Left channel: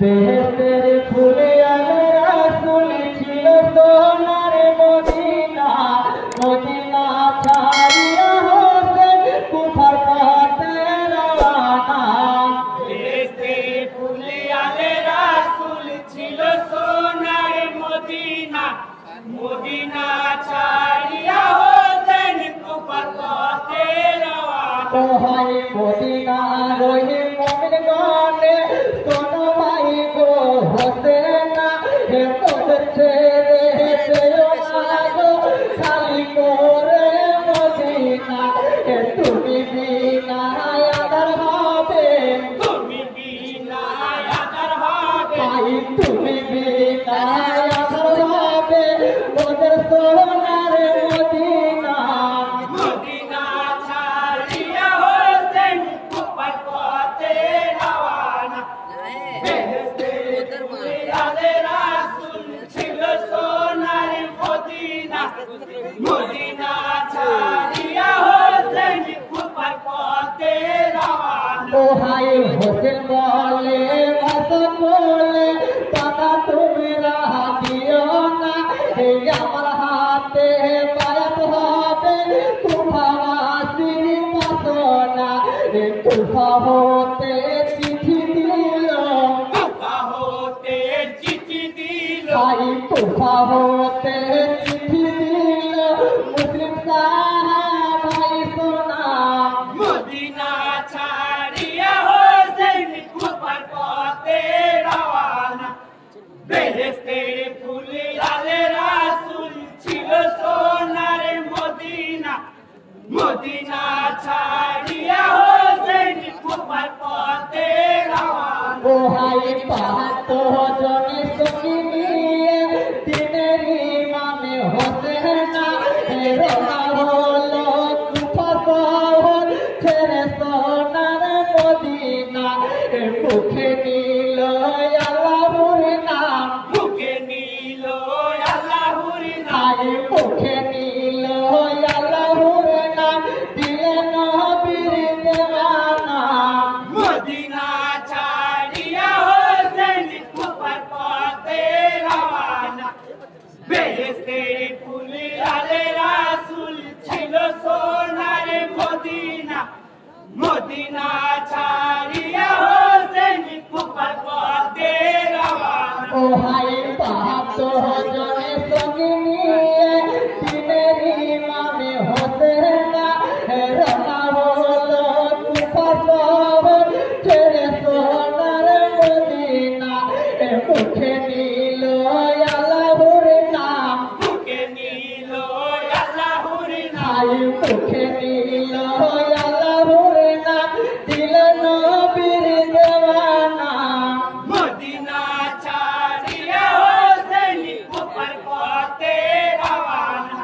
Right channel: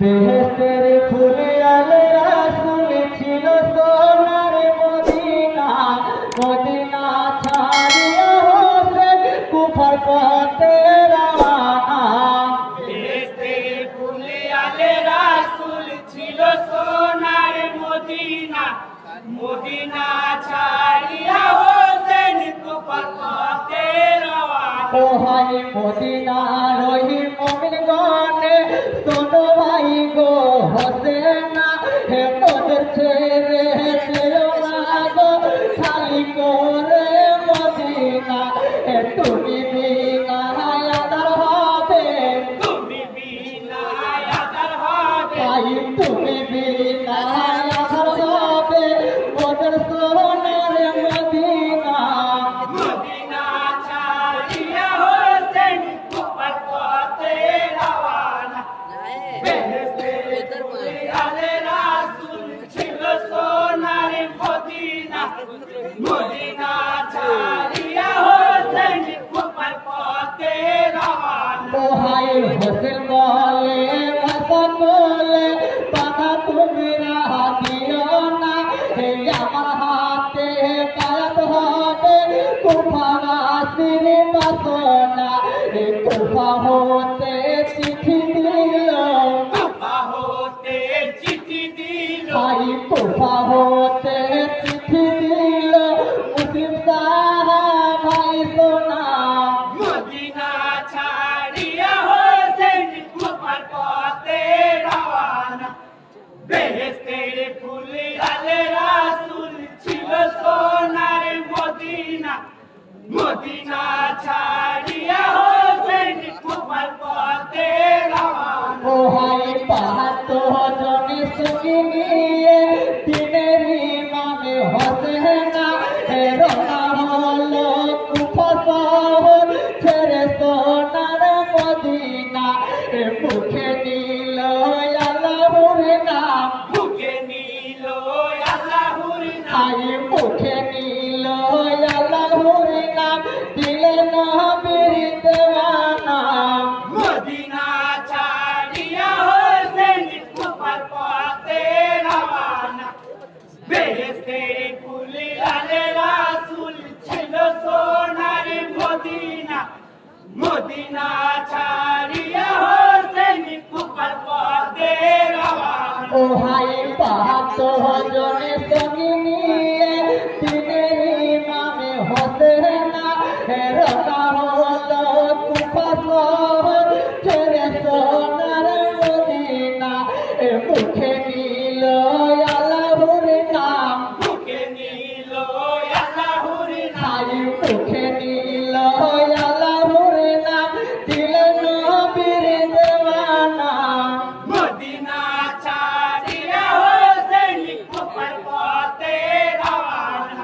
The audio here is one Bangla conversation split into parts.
বেহেশতের ফুলে আলে রাসূল ছিল সোনার মদিনা, মদিনা ছাড়িয়া হোসেন কুফার পথে রওয়ানা। বেহেশতের ফুলে আলে রাসূল ছিল সোনার মদিনা, মদিনা ছাড়িয়া হোসেন কুফার পথে রওয়ানা। ও হাই মদিনার ওই মুমিনগণে শোনো ভাই গো হোসেনা, হে মোদের ছেড়ে যেও না গো খালি করে মদিনা। হে তুমি বিনা আদার হবে, তুমি বিনা আদার হবে, ভাই তুমি বিনা আদার হবে মোদের সোনার মদিনা। মদিনা ছাড়িয়া হোসেন কুফার পথে রওয়ানা। বেহেশতের ফুলে আলে রাসূল ছিল সোনার মদিনা, মদিনা ছাড়িয়া হোসেন কুফার পথে রওয়ানা। ও হাই হোসেন বলে ভাষা বলে পাতা তুমি রাহা দিও না, হে আমার হাতে বায়াত হবে কুফাসির বাসনা। হে কুফা হতে চিঠি দিল, কুফা হতে চিঠি দিল, ভাই কুফা হতে চিঠি দিল মুসলিম সাহাবাই সোনা। মদিনা ছাড়িয়া হোসেন কুফার পথে রওয়ানা। বেহেশতের ফুলে আলে রাসূল ছিল সোনার মদিনা, মদিনা ছাড়িয়া হোসেন কুফার পথে রওয়ানা। ও হাই ৭২ জনে সঙ্গী নিয়ে দিনের ইমামে হোসেনা, হে রওনা হলো কুফা শহর ছেড়ে সোনার মদিনা। হে মুখে নিল আল্লাহর নাম, মুখে নিল আল্লাহর নাম, আই মুখে নিল আল্লাহর নাম, দিলেন নবীর দেওয়ানা। মদিনা ছাড়িয়া হোসেন কুফার পথে রওয়ানা। বেহেশতের ফুলে আলে রাসূল ছিল সোনার মদিনা, মদিনা ছাড়িয়া হোসেন কুফার পথে রওয়ানা। ও হাই ৭২ জনে সঙ্গী নিয়ে দিনের ইমামে হোসেনা, হে রওনা হলো কুফা শহর ছেড়ে সোনার মদিনা। এ মুখে নিল আল্লাহর নাম, মুখে নিল আল্লাহর নাম, আই মুখে নিল আল্লাহর নাম, দিলেন নবীর দেওয়ানা। মদিনা ছাড়িয়া হোসেন কুফার পথে রওয়ানা।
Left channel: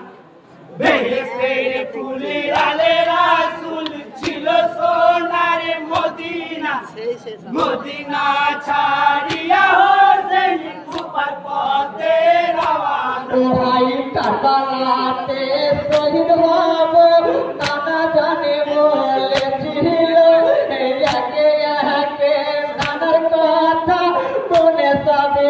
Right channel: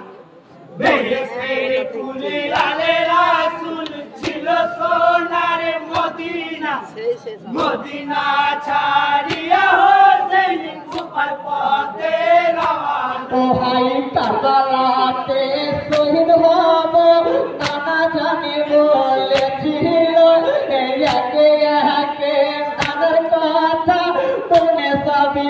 বেহেশতের ফুলে আলে রাসূল ছিল সোনার মদিনা, মদিনা ছাড়িয়া হোসেন কুফার পথে রওয়ানা। ও ভাই কারবালাতে শহীদ হবে নানা জানে বলেছিল, একে একে নানার কথা মনে সবই